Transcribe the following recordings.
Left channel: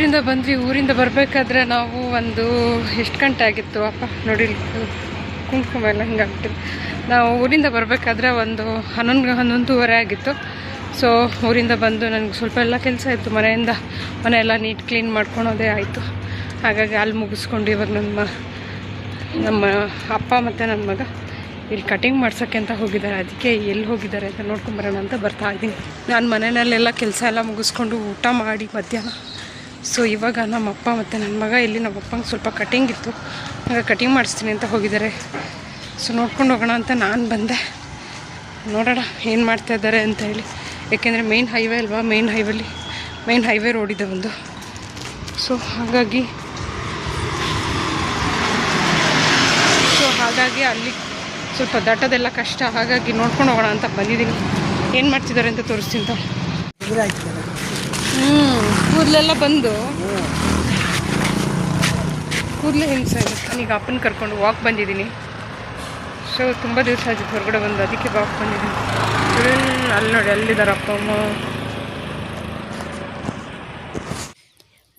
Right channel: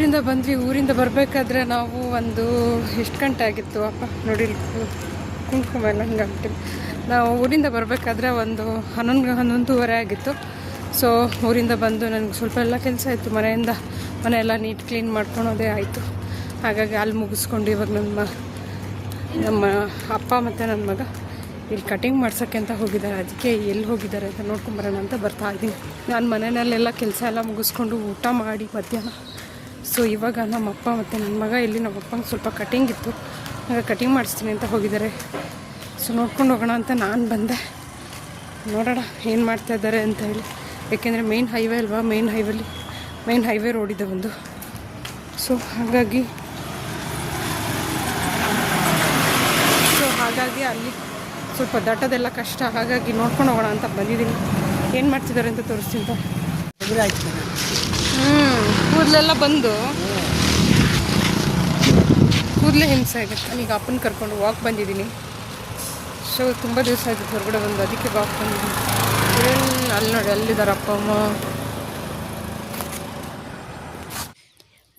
ಊರಿಂದ ಬಂದ್ವಿ, ಊರಿಂದ ಬರಬೇಕಾದ್ರೆ ನಾವು ಒಂದು ಎಷ್ಟು ಗಂಟೆ ಆಗಿತ್ತು? ಅಪ್ಪ, ನೋಡಿ, ಕುಂಕುಮ ಎಲ್ಲ ಹಿಂಗಾಗ್ಬಿಟ್ಟು ನಾವು ಊರಿಂದ ಬರಬೇಕಾದ್ರೆ ಒಂದು ಹನ್ನೊಂದು, ಹನ್ನೊಂದುವರೆ ಆಗಿತ್ತು. ಸೊ ಊರಿಂದ ಬಂದು ನನಗೆ ಸ್ವಲ್ಪ ಎಲ್ಲ ಕೆಲಸ ಇತ್ತು. ಮನೆಯಿಂದ ಮನೆಯೆಲ್ಲ ನೀಟ್ ಕ್ಲೀನ್ ಮಾಡ್ಕೊಳೋದೇ ಆಯಿತು. ಹಾಗಾಗಿ ಅಲ್ಲಿ ಮುಗಿಸ್ಕೊಂಡು ಇವಾಗ ನಮ್ಮ ನಮ್ಮ ಅಪ್ಪ ಮತ್ತು ನನ್ನ ಮಗ ಇಲ್ಲಿ ಕಟಿಂಗ್ ಮಾಡ್ಸೋಕ್ಕೆ ಅಂತ ಹೋಗಿದ್ದಾರೆ. ಅದಕ್ಕೆ ಎಲ್ಲಿ ಹೋಗಿದ್ದಾರೆ ಅಂತ ನೋಡ್ಕೊಂಬರೋಣ ಅಂತ ಬರ್ತಾ ಇದ್ದೀನಿ. ನಾನು ಮನೆಯಲ್ಲೆಲ್ಲ ಕೆಲಸ ಎಲ್ಲ ಮುಗಿಸ್ಕೊಂಡು ಊಟ ಮಾಡಿ ಮಧ್ಯಾಹ್ನ. ಸೊ ಇವಾಗ ನಮ್ಮಪ್ಪ ಮತ್ತು ನನ್ನ ಮಗ, ಇಲ್ಲಿ ನಮ್ಮಪ್ಪಂಗೆ ಸ್ವಲ್ಪ ಕಟಿಂಗ್ ಇತ್ತು. ಆಗ ಕಟಿಂಗ್ ಮಾಡಿಸ್ತೀನಿ ಅಂತ ಹೋಗಿದ್ದಾರೆ. ಸೊ ನೋಡ್ಕೊಂಡು ಹೋಗೋಣ ಅಂತ ನಾನು ಬಂದೆ. ನೋಡೋಣ ಏನು ಮಾಡ್ತಾ ಇದ್ದಾರೆ ಅಂತ ಹೇಳಿ. ಯಾಕೆಂದರೆ ಮೇನ್ ಹೈವೇ ಅಲ್ವಾ? ಮೇನ್ ಹೈವೇಲಿ ಮೇನ್ ಹೈವೇ ರೋಡಿದೆ ಒಂದು. ಸೊ ಹಾಗಾಗಿ ಸೊ ಹಾಗಾಗಿ ಅಲ್ಲಿ ಸ್ವಲ್ಪ ದಟ್ಟದೆಲ್ಲ ಕಷ್ಟ. ಹಾಗಾಗಿ ನೋಡ್ಕೊಂಡು ಹೋಗೋಣ ಅಂತ ಬಂದಿದ್ದೀನಿ. ಏನು ಮಾಡ್ತಿದ್ದಾರೆ ಅಂತ ತೋರಿಸ್ತೀನಿ ಕೂದಲೆಲ್ಲ ಬಂದು ಕೂದಲೇ ಹೆಂಗೆ ಆಗುತ್ತೆ. ಈಗ ಅಪ್ಪನ ಕರ್ಕೊಂಡು ವಾಕ್ ಬಂದಿದ್ದೀನಿ. ಸೊ ತುಂಬ ದಿವಸ ಆಯ್ತು ಹೊರಗಡೆ ಬಂದು. ಅದಕ್ಕೆ ವಾಕ್ ಬಂದಿದ್ದೀನಿ. ಅಲ್ಲಿ- ನೋಡಿ ಅಲ್ಲಿದ್ದಾರೆ ಅಪ್ಪ, ಅಮ್ಮ?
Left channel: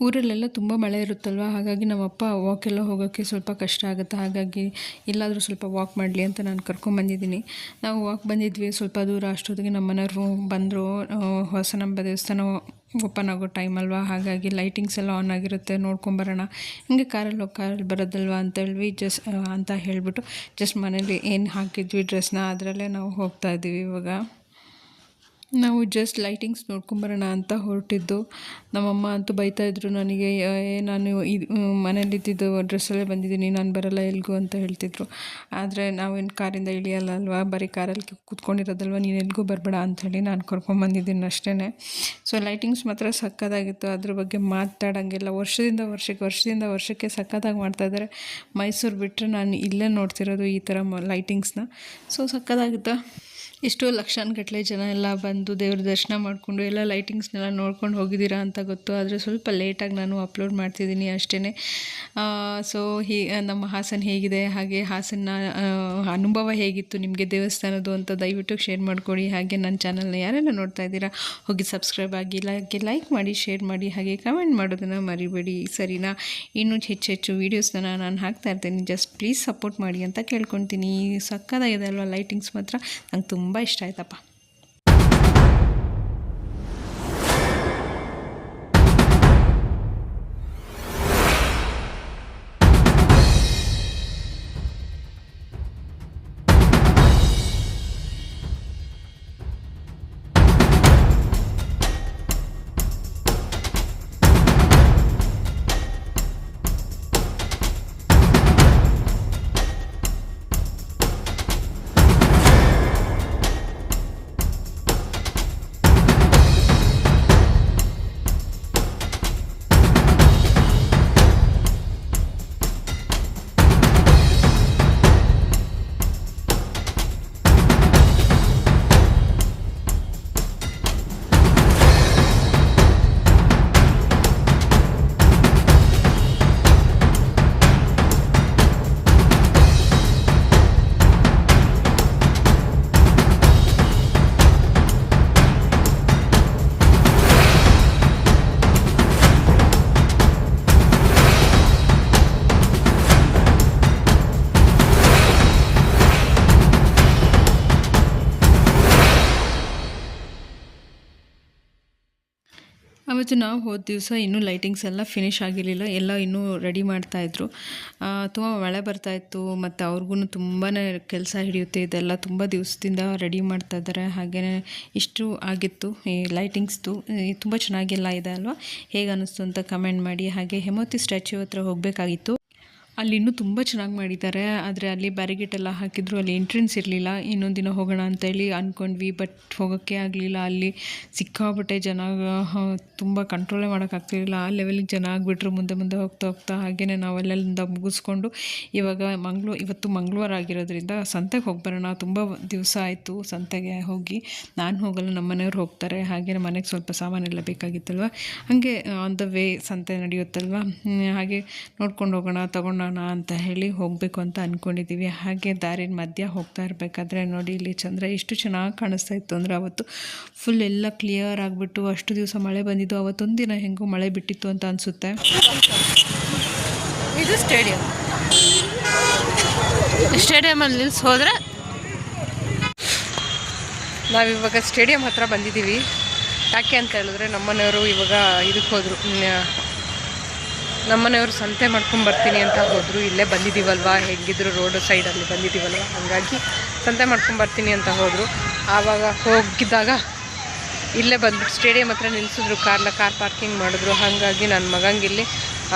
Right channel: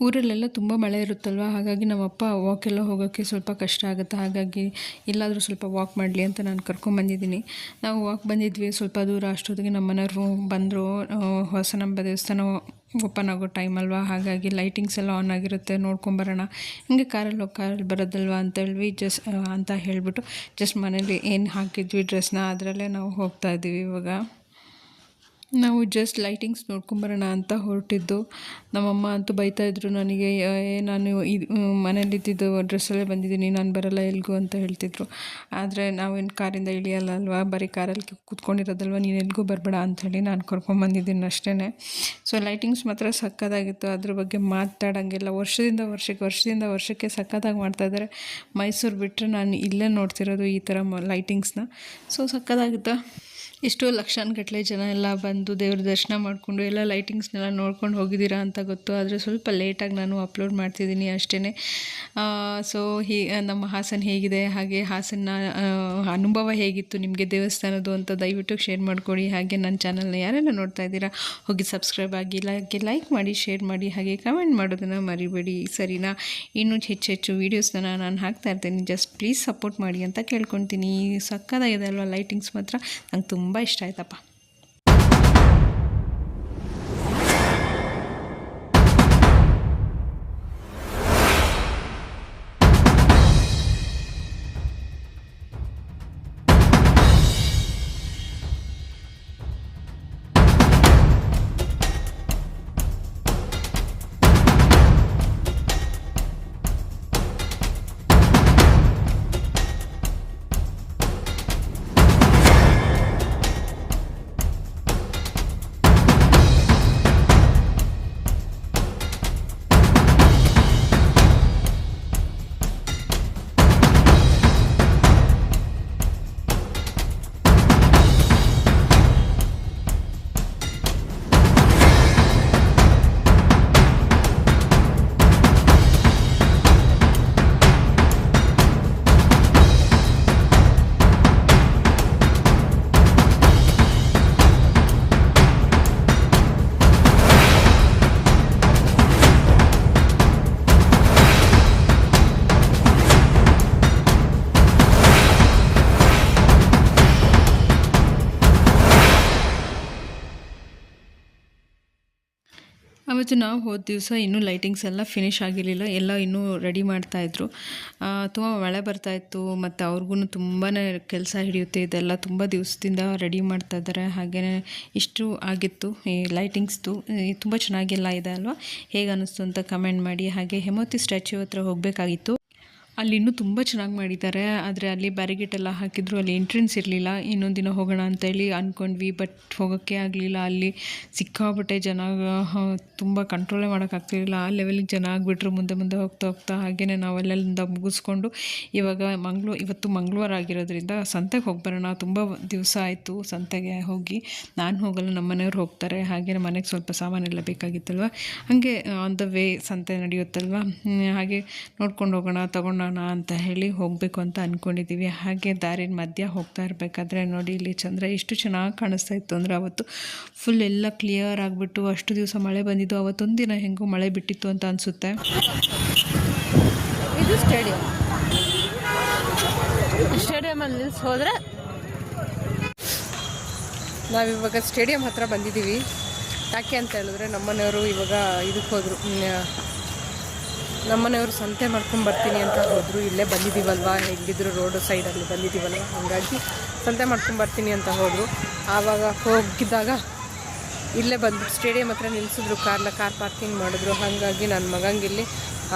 ಊರಲ್ಲೆಲ್ಲ ತುಂಬ ಮಳೆ ಇರುತ್ತಲ್ವ? ಹಾಗಾಗಿ ನಮ್ಮಪ್ಪ ವಾಕೆಲ್ಲ ಹೋಗೋಕ್ಕೆ ಸ್ವಲ್ಪ ಕಷ್ಟ ಆಗುತ್ತೆ. ಹಾಗಾಗಿ ಎಲ್ಲಾದರೂ ಸ್ವಲ್ಪ ವಾಕ್ ಮಾಡಲಿ ಅಂತ ನಾನು ಕರ್ಕೊಂಬಂದಿದ್ದೀನಿ ನಾವು ವಾಕ್ ಬಂದಿದ್ವಿ ಸ್ವಲ್ಪ ದೂರ. ಅಷ್ಟೊತ್ತಿಗೆ ನಮ್ಮ ಮನೆಯವರು ಬಂದರು. ಹೊಸನಂಬ ದೇವಸ್ಥಾನ ಓಪನ್ ಆಗೋ ಟೈಮ್ ಅಲ್ವಾ? ಹಾಗಾಗಿ ಲೈಟಿಂಗ್ಸ್ ಎಲ್ಲ ಆನ್ ಆಗಿರುತ್ತೆ ನೋಡ್ಕೊಂಬರೋಣ ಹಿಂಗೆ ಕಾರಲ್ಲಿ ಹೋಗಿ ಕಾರಲ್ಲಿ ಬರೋದಲ್ವಾ ಅಂತೇಳಿ ಜಸ್ ಅಂತ ಹೇಳಿಬಿಟ್ಟು ಜಸ್ಟ್ ಮನೇಲಿ ಏನು ಹಾಕಿದ್ವಿ ಡ್ರೆಸ್ನ ಅದರಲ್ಲೇ ನಾವು ಹೋಗ್ತಾ ಇದ್ದೀವಿ ಇವಾಗ. ನಾವು ಜಸ್ಟ್ ಲೈಟಿಂಗ್ಸ್ ನೋಡ್ಕೊಂಬರೋಣ ಅಂತ ಹೊರಟಿದ್ದು. ನಮ್ಮಮ್ಮ ಅಂತೂ ಬೈತಾಯಿದ್ರು ನನಗೆ, ಏ ನಾನು ಇದು ಮನೇಲಿದ್ದಿದ್ದು ಡ್ರೆಸ್ಸಲ್ಲೇ ಬಂದಿದ್ದೀನಿ, ನಾನು ಬರಲ್ಲ ಎಲ್ಗೂ ಅಂತ ಹೇಳ್ತಿದ್ರು. ಆದರೆ ನಾವೇನು ಕಾರಿಂದ ಇಳಿಯಲ್ಲ ಅಲ್ವಾ? ಬರೀ ಕಾರಲ್ಲಿ ಕೂತ್ಕೊಂಡಿರೋದಲ್ವ? ನೀನು ಎಲ್ಗೂ ಬರಬೇಡ ಅಂಥೇಳಿ ನಾನು ಕರ್ಕೊಂಬಂದಿದ್ದೀನಿ ಅಷ್ಟೇ ಸೊ ಲೈಟಿಂಗ್ಸ್ ಮಾತ್ರ ಸಕ್ಕತ್ತಾಗಿತ್ತು. ಅದ್ರ ಬಗ್ಗೆ ಮಾತಾಡೋಂಗಿಲ್ಲ. ವರ್ಷದಿಂದ ವರ್ಷಕ್ಕೆ ವರ್ಷದಿಂದ ವರ್ಷಕ್ಕೆ ಸಕ್ಕತ್ತಾಗಿ ಮಾಡ್ತಾಯಿದ್ದಾರೆ ಮೈಸೂರು ಬಿಟ್ಟರೆ ನಾನು ಇಲ್ಲೇ ನೋಡ್ತಿರೋದು ಈ ಥರ ಲೈಟಿಂಗ್ಸ್ನ ಸೊ ಸಕ್ಕತ್ತಾಗಿತ್ತು? ಎಷ್ಟೋ ಲಕ್ಷಾನುಗಟ್ಟಲೆ ಜನ ಎಲ್ಲ ಬಂದು ದೇವ್ರ ದರ್ಶನ ಮಾಡಿಕೊಂಡು ಎಲ್ಲ ಲೈಟಿಂಗ್ಸ್ನೆಲ್ಲ ನೋಡ್ಕೊಂಡು ಹೋಗಿದ್ದೀರಾ ಅಂತ ಗೊತ್ತು. ಆದರೆ ಸ್ವಲ್ಪ ಲೇಟಾಗಿ ನಾನು ಅಪ್ಲೋಡ್ ಮಾಡ್ತಿದ್ದೀನಿ ಅಷ್ಟೇ ಸೊ ಹೀ, ನಮ್ಮ ಹಾಸನ ಹೇಗಿದೆ? ಹಾಗೆ ಹಾಸನ ಅನುಭವ ಹೇಗಿತ್ತು ನಿಮಗೆ ದೇವಸ್ಥಾನದ್ದು ಅಂತ ದಯವಿಟ್ಟು ಶೇರ್ ಮಾಡಿಕೊಡಿ. ಹಾಗೆ ನನ್ನ ಚಾನಲ್ನ ಯಾರೆಲ್ಲ ನೋಡ್ತಾ ಇದ್ದೀರಾ, ಹೋಗಿ ಸಬ್ಸ್ಕ್ರೈಬ್ ಆಗಿ, ಹಾಗೆ ಲೈಕ್ ಮಾಡಿ, ಶೇರ್ ಮಾಡಿ, ಹಾಗೆ ಕಮೆಂಟ್ ಮಾಡೋದನ್ನು ಮರಿಬೇಡಿ. ಸರಿನಾ? ಇನ್ನೂ ಹೆಚ್ಚು ಹೆಚ್ಚು ವೀಡಿಯೋಸ್ನ ನಾನು ಹಾಕ್ತಾ ಇರ್ತೀನಿ. ಜಸ್ಟ್ ಪ್ಲೀಸ್ ಸಪೋರ್ಟ್ ಮಾಡಿ ಅಂತ ಕೇಳ್ಕೊತೀನಿ ಸಕ್ಕದಾಗಿದೆ ಅಲ್ವಾ ಲೈಟಿಂಗ್ಸ್ ಮಾತ್ರ? ನಂಗೆ ತುಂಬ ಇಷ್ಟ ಆಯ್ತಪ್ಪ. ಅವತ್ತು ನಾವು ಹೋದ ದಿವಸ ಇನ್ನೂ ಲೈಟಿಂಗ್ಸ್ ಎಲ್ಲ ಫಿನಿಶ್ ಆಗಿರಲಿಲ್ಲ, ಎಲ್ಲ ಇನ್ನೂ ರೆಡಿ ಮಾಡ್ತಾಯಿದ್ರು ತುಂಬ ಮಳೆ ಬರ್ತಾಯಿತ್ತು ಮತ್ತು ಅವ್ರಿಗೂ ತುಂಬಾ ಕೆಲಸ ಹಿಡಿಯುತ್ತೆ, ಇದೆಲ್ಲ ತುಂಬ ದಿವಸದಿಂದ ರೆಡಿ ಮಾಡ್ತಾ ಇದ್ದಾರೆ. ಹಾಗೆಯೇ ಇಷ್ಟು ಆಗಿತ್ತು, ಈ ಲೈಟಿಂಗ್ಸ್ದು ತುಂಬ ಚೆನ್ನಾಗೆಲ್ಲ ಇದೆ ಅಲ್ವಾ? ಹೇಗೆ ಅನ್ನಿಸ್ತು ಅಂತ ಕಮೆಂಟ್ ಮಾಡಿ. ಹಾಗೆ ಹೆಮೋತಿ ಸ್ಟ್ಯಾಚ್ಯೂ ಹತ್ರ ಹೋಗಬೇಕಾಗಿತ್ತು. ಅಲ್ಲಿ ಇನ್ನೂ ತುಂಬ ಚೆನ್ನಾಗಿ ಮಾಡಿದ್ದಾರೆ. ಆದರೆ ಅಲ್ಲಿ ಬ್ಯಾರಿಗೇಟ್ ಎಲ್ಲ ಹಾಕಿದ್ರು, ಅಲ್ಲಿ ಎಂಟ್ರೆನ್ಸ್ ಇರಲಿಲ್ಲ. ಇನ್ನೊಂದು ದಿನ ಹೋಗೋಣ ಅಂತೇಳಿ ಅಂದ್ಕೊಂಡ್ವಿ ಬಟ್ ಹೋಗೋಕ್ಕೆ ಆಗಲಿಲ್ಲ. ಅಲ್ಲಿ ಸಿಕ್ಕಾಪಟ್ಟೆ ಜನ ತುಂಬ ಕಂಟ್ರೋಲೇ ಮಾಡೋಕ್ಕಾಗ್ತಿರಲಿಲ್ಲ ಆ ಲೆವೆಲಿಗೆ ಜನ ಆಗಿಬಿಟ್ರು, ಮುಂದೆ ಮುಂದೆ ಹೋಗ್ತಾ ಹೋಗ್ತಾ. ಹಾಗೆಯೇ ನಾವು ಅಲ್ಲೆಲ್ಲಿಂದ ಮುಗಿಸ್ಕೊಂಡು ಇವಾಗ ಮಂಗ್ಳೂ, ಇವತ್ತು ಮಂಗಳವಾರ ಆಗಿರೋದ್ರಿಂದ ಸಂತೆಗೆ ಹೋಗಿ ಬರೋಣ. ತುಂಬ ದಿವಸ ಆಯಿತು ಸಂತೆಗೆ ಹೋಗಿ. ನಾನು ಹೋಗಲ್ಲ ನಮ್ಮ ಮನೆಯವ್ರು ಹೋಗ್ತಾರೆ. ಹಾಗೆ ಮನೆಗೆ ಸ್ವಲ್ಪ ಸಾಮಾನೆಲ್ಲ ಬೇಕಾಗಿತ್ತಲ್ವ? ಹಾಗೆ ಆನ್ ದ ವೇ ಸಂತೆ ನಡೆಯುತ್ತಲ್ವ? ಹಾಗೆ ನೋಡ್ಕೊಂಡು ಹೋಗೋಣ, ತೊಗೊಂಡು ನೋಡೋಣ ಅಂತ ಹೇಳಿ ಹೋಗಬೇಕು ಅಂತ ಅಂದ್ಕೊಂಡಿದ್ದೀವಿ ಹಾಗೆ ದಾರಿನ ಮಧ್ಯ ಹೋಗ್ತಾ ಇರಬೇಕಾದ್ರೆ ನೋಡಿ ಇಲ್ಲಿ ಚಂದ್ರ ಎಷ್ಟು ಚೆನ್ನಾಗಿ ಕಾಣಿಸ್ತಾ ಇತ್ತು ಅಂದರೆ ಅವತ್ತು ಫುಲ್ ಎಲ್ಲ ಕ್ಲಿಯರ್ ಆಗಿಬಿಟ್ಟು ಅಷ್ಟು ದಿವಸ ಮಳೆ ಬಂದಿದ್ದು, ಅವತ್ತೊಂದು ದಿನ ಹೆಂಗೋ ಮಳೆ ಬಿಟ್ಟಿತ್ತು ಅಂತ ಅನಿಸುತ್ತೆ. ಇದು ಸ್ಟೇಡಿಯಂ ಸ್ಟೇಡಿಯಮಲ್ಲಿ ನಿಲ್ಸಿ ಹೋದರೆ ನಾವಿವಾಗ ಸ್ಟೇಡಿಯಂ ಹತ್ರ ಬಂದಿದ್ದೀವಿ. ಯಾಕೆ ಅಂತ ಹೇಳಿದ್ರೆ ನಮ್ಮನೆಯವರು ಇವಾಗ ಇದಕ್ಕೆ ಹೋದರು. ನಮ್ಮನೆಯವರು ಸಂತೆ ಮಾಡ್ಕೊಂಡು ಬರ್ತೀನಿ ಅಂತ ಹೋದರು. ಇಲ್ಲೇ ಬಂದಿದ್ದೀವಲ್ವಾ? ಹೇಗಿದ್ರು ರೋಡ್ ಸೈಡಲ್ಲಿ ಬಂದಿದ್ದೀವಲ್ವ? ಹಾಗಾಗಿ ಸಂತೆ ಮಾಡ್ಕೊಂಡು ಬರ್ತೀನಿ ಅಂತ ಹೋದರು. ಆವಾಗ ಹೋಗಿದ್ದಾಗ ಇಲ್ಲೇ ಬಂದ್ಬಿಟ್ಟು ಸ್ಟೇಡಿಯಂ ಹತ್ರ ನಿಲ್ಲಿಸಿದ್ರು ಕಾರ್ನ ಕಾರ್ ಪಾರ್ಕಿಂಗ್ ಮಾಡಿದ್ರು. ಹಾಗಾಗಿ ನನ್ನ ಮಗಂಗೆ ಇಲ್ಲಿ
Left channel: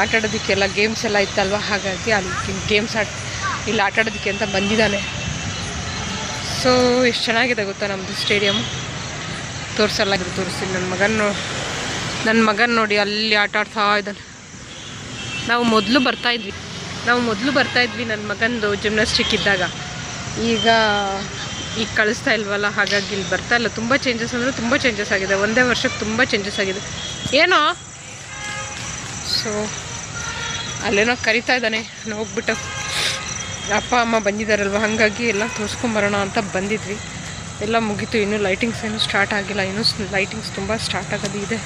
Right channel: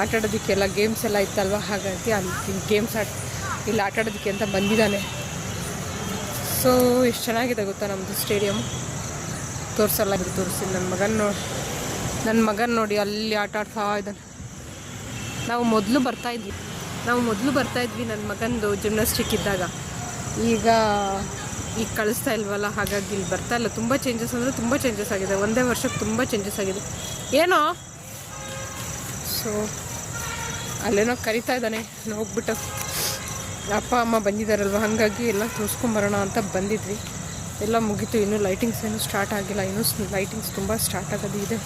ಆಟ ಆಡೋದಕ್ಕೆಲ್ಲ ಗೇಮ್ಸ್ ಎಲ್ಲ ಇತ್ತಲ್ವ? ಹಾಗಾಗಿ ಅಲ್ಲಿ ಗೇಮ್ಸ್ ಆಟ ಇಲ್ಲಿ ಆಟ ಆಡೋದಕ್ಕೆ ಅಂತ ಬಂದಿದ್ದಾನೆ. ಸೊ ಎಷ್ಟು ಚೆನ್ನಾಗಿದೆ ಗೊತ್ತಾ ನಮ್ಮದು ಸ್ಟೇಡಿಯಮ್ ತೋರಿಸಲ್ಲ ತೋರಿಸಿ ನನ್ನ ಮಗನ ನೋಡಿ ನನ್ನ ಮಗನ ನೋಡಿ ಅಲ್ಲಿ ಆಟ ಆಡ್ತಾ ಇದ್ದಾನೆ. ನಾವು ಮೊದಲು ಬರ್ತಾಯಿದ್ವಿ ನಾವು ಮೊದಲು ಬರ್ತಾಯಿದ್ವಿ ನನ್ನ ಮಗಂದು ಜಿಮ್ನಾಸ್ಟಿಕ್ ಇದ್ದಾಗ. ಈಗ ಈಗ ಕಳಿಸ್ತಾ ಇಲ್ವಲ್ಲ, ಹಾಗಾಗಿ ಇಲ್ಲಿ ಬರ್ತಾ ಇಲ್ಲ. ತುಂಬ ಚೇಂಜಸ್ ಅಂದರೆ ತುಂಬ ಚೇಂಜಸ್ ಆಗಿದೆ. ಒಂದೇ ವರ್ಷಕ್ಕೆ ತುಂಬ ಚೇಂಜಸ್ ಆಗಿದೆ. ಏನೋ? ಸೊ ಅಲ್ಲೇನೋ ಕರಿತಾ ಇದ್ದಾನೆ. ನಾನು ಹೋಗ್ಬಿಟ್ಟು ಅಪ್ಪ, ಅಮ್ಮ ಬಂದಿದ್ದಾರಲ್ವ ಹಾಗಾಗಿ ಎಲ್ಲ ತೋರಿಸ್ಕೊಂಬರೋಣ ಅಂತ ಬಂದಿದ್ವಿ. ಎಲ್ಲ ಮುಗೀತು. ಇನ್ನೂ ಲೈಟಿಂಗ್ಸ್ ಏನು ಸ್ಟಾರ್ಟ್ ಆಗಿಲ್ಲ. ಇನ್ನೂ ಲೈಟಿಂಗ್ಸ್ ತುಂಬ ಸ್ಟಾರ್ಟ್ ಆಗೋದು ಇದೆ.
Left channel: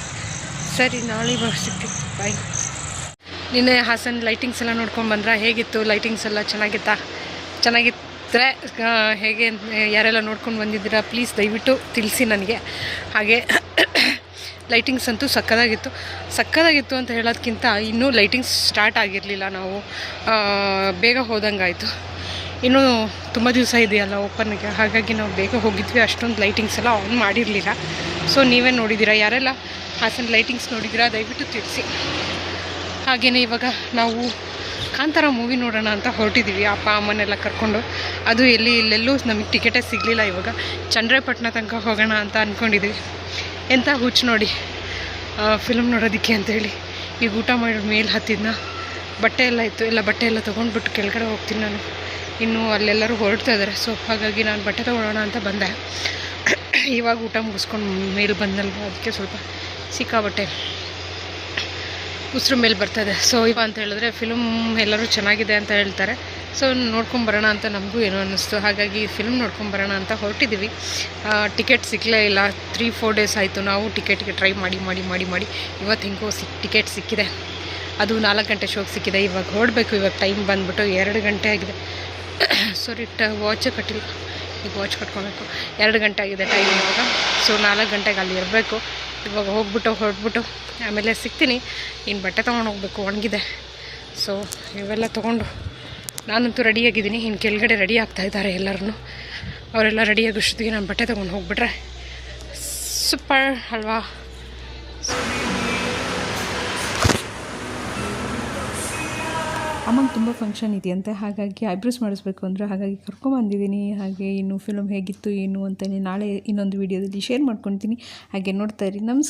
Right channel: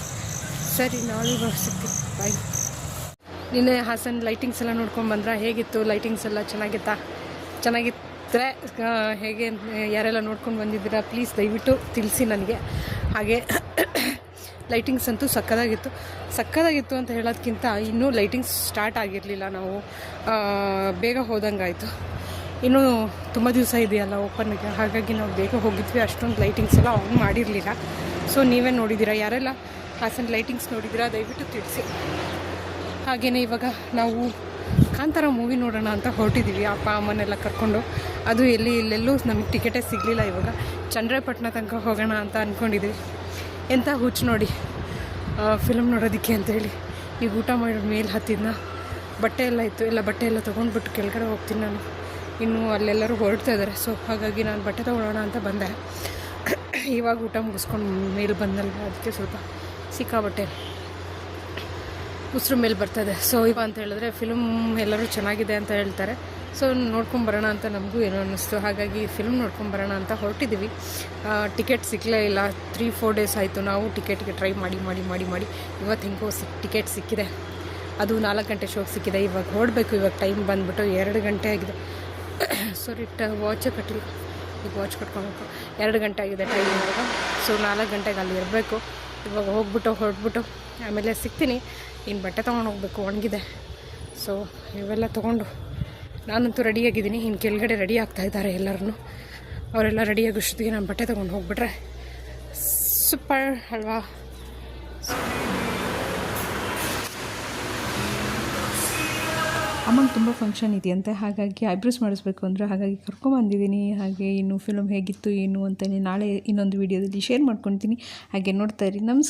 ಸರಿ, ನಾಳೆ ಸಿಗ್ತೀವಿ ಬಾಯ್ ನಿನ್ನೆ ಹಾಸನ್ ಲೈಟಿಂಗ್ಸ್ ಎಲ್ಲ ನೋಡ್ಕೊಂಡು ಬಂದ್ರೆ? ಹೇಗಿತ್ತು ಲೈಟಿಂಗ್ಸ್ ಎಲ್ಲ? ಚೆನ್ನಾಗಿತ್ತಾ? ಚೆನ್ನಾಗಿದ್ದರೆ ಹೇಗೆ ಯಾರೆಲ್ಲ ನೋಡ್ಕೊಂಡು ಬಂದಿದ್ದೀರಾ? ಪ್ಲೀಸ್ ದಯವಿಟ್ಟು ತಿಳಿಸಿ ನನಗೆ. ಹಾಗೆ ಲೈಟಿಂಗ್ಸ್ ಅಂತೂ ಸಕ್ಕದಾಗಿತ್ತು. ಸಕ್ಕದಾಗಿತ್ತು ಅಂತ ಹೇಳೋದಕ್ಕಿಂತ ಇನ್ನೂ ಲೈಟಿಂಗ್ಸ್ ಸ್ಟಾರ್ಟ್ ಆಗಿರಲಿಲ್ಲ ನಾವು. ಬೇಗ ಹೋದಂಗಾಯಿತು. ಇನ್ನೂ ತುಂಬ ದಿವಸ ಇದೆಯಲ್ಲ ಓಪನ್ಗೆ ಹಾಗಾಗಿ ನಾವು ಬೇಗ ಹೋಗಿದ್ವಿ. ಅಷ್ಟೊಂದು ಲೈಟಿಂಗ್ಸ್ ಎಲ್ಲ ಆನ್ ಮಾಡಿರಲಿಲ್ಲ. ಸೊ ನೀವೇ ನೋಡಿದ್ದೀರಾ? ಯಾರೆಲ್ಲ ಹಾಸನ ಲೈಟಿಂಗ್ಸ್ ನೋಡಿದ್ದೀರಾ? ದಯವಿಟ್ಟು ತಿಳಿಸಿ. ಹಾಗೆಯೇ ಇವಾಗ ನಾವು ಕಾಂತಾರ ಮೂವಿ ನೋಡೋಣ ಅಂತ ಹೊರಟಿದ್ದೀವಿ. ಅಪ್ಪ, ಅಮ್ಮನೆಲ್ಲ ಕರ್ಕೊಂಡು. ಅದು ಎಲ್ಲಿ, ಇಲ್ಲೆಲ್ಲೂ ನಮಗೆ ಟಿಕೆಟೇ ಸಿಗಲಿಲ್ಲ ಇವಾಗ. ಚಂದ್ರಪಟ್ಟಣ ತನಕ ಹೋಗೋಣ ಅಂತ ಅಂದ್ಕೊಂಡಿದ್ದೀವಿ ಎಂಥ ಹುಚ್ಚು ನೋಡಿ. ಫಿಲಮ್ ನೋಡೋದಕ್ಕೆ ಅಂತೇಳಿ ಈಗ ಊಟ ಮಾಡಿ ಮೇಲೆ ಹತ್ತಿದ್ನ. ಬಟ್ಟೆ ಎಲ್ಲ ಇತ್ತು. ಎಲ್ಲ ಬಟ್ಟೆ ಎಲ್ಲ ತೊಗೊಂಡ್ಬಿಟ್ಟು ಕೆಳಗಡೆ ಹೋಗ್ತೀನಿ ನಾನು. ಇನ್ನು ಅಲ್ಲೆಲ್ಲರೂ ಹೊರಡ್ತಾ ಇದ್ದಾರೆ. ಸೊ ಹಾಗಾಗಿ ನಾನು ಬಟ್ಟೆ ತೊಗೊಳ್ಳೋಣ ಅಂತ ಬಂದೆ. ಇವಾಗ ಊಟ ಮುಗಿಸ್ಕೊಂಡು ಮೇಲೆ ಬಂದಲ್ವ? ಅದಕ್ಕೆ ಸ್ವಲ್ಪ ಸಿಕ್ಕಾಬಟ್ಟೆ ಉಸಿರು ಮೇಲೆ ಬರ್ತದೆ ಸೊ ಇವ ಅಂತ ಹೇಳಿದ್ರೆ ಫಿಲ್ಮ್ ಎಲ್ಲರೂ ಚೆನ್ನಾಗಿದೆ ಅಂತ ಹೇಳ್ತಾರೆ. ಸೊ ನೋಡ್ಕೊಂಬರೋಣ ಅಂತ ನಮಗೂ ಏನೋ ಅನ್ನಿಸ್ತು. ಹಾಗಾಗಿ ಫಿಲ್ಮ್ ನೋಡ್ಕೊಂಬರೋಣ ಅಂತ ಹೊರಟಿದ್ದೀವಿ ಟಿಕೆಟ್ ಸಿಕ್ಕಲೇ ಇಲ್ಲ. ತ್ರೀ ಫೋರ್ ಡೇಸ್ ಆಯಿತು. ನಾವು ಟಿಕೆಟ್ಗೆ ಟ್ರೈ ಮಾಡಿ ಮಾಡಿ ಮಾಡಿ ಮಾಡಿ ಇವತ್ತು ಹಿಂಗೋ ಸಿಕ್ ಟಿಕೆಟ್ ಸಿಕ್ಕಿದೆ. ಅದು ನಾಲ್ಕು ಗಂಟೆ ಶೋಗೆ ಸಿಕ್ಕಿದೆ. ಇವಾಗ ಹೊರಡಬೇಕು. ಇವಾಗ ಟೈಮ್ ಬಂದುಬಿಟ್ಟು ಎರಡು ಗಂಟೆ ಆಗಿದೆ. ಸಾರಿ ಟ ವಾಚೇ ಕಟ್ಟಿಲ್ಲ. ಈಗ ವಾಚ್ ಕಟ್ಕೊಬೇಕು. ಎರಡು ಗಂಟೆ ಆಗಿದೆ ಟೈಮ್ ಇವಾಗ. ಸೊ ನಾಲ್ಕು ಗಂಟೆಗೆ ಅಲ್ಲಿ ಇರಬೇಕು. ಇವಾಗ ಹೋಗ್ಬಿಟ್ಟು, ಹೊರಟ್ಬಿಟ್ಟು, ಆಮೇಲೆ ಸಿಗ್ತೀನಿ. ಇನ್ನು ಬಟ್ಟೆ ತೊಗೊಂಡು ಹೋಗ್ಬೇಕು, ಒಣಗಿದೆ. ಸೊ ಇವೆಲ್ಲ ತೊಗೊಂಡು ನಾನಂತೂ ರೆಡಿಯಾಗಿದ್ದೀನಿ ಇನ್ನು ಕೆಳಗಡೆ ರೆಡಿ ಆಗ್ತಾ ಇದ್ದಾರೆ ಎಲ್ಲರೂ ಅವರೆಲ್ಲ ರೆಡಿಯಾಗೋಷ್ಟೊತ್ತಿಗೆ ನಾನು ಬಟ್ಟೆ ತೊಗೊಂಡು ಹೋಗ್ಬಿಟ್ರೆ ಸೂಪರ್ ಅಲ್ವಾ? ಅಮ್ಮಂಗೆ ತುಂಬ ಫಂಕ್ಷನ್ ಇದೆಯಂತೆ. ಹಾಗಾಗಿ ಐಬ್ರೋಸ್ ಮಾಡಿಸ್ಬೇಕು ಅಂದರೆ ಹಾಗಾಗಿ ಕರ್ಕೊಂಬಂದಿದ್ದೀನಿ ಹಾಗೆ ಇನ್ನು ಫಿಲಮ್ ಹೇಗಿತ್ತು, ಏನು ಅಂತ ನಾಳೆ ಇನ್ನೊಂದು ವೀಡಿಯೋದಲ್ಲಿ ಶೇರ್ ಮಾಡ್ಕೊತೀನಿ. ಹಾಗೆ ನೋಡ್ತಾ ಇರಿ. ನಮಸ್ಕಾರ.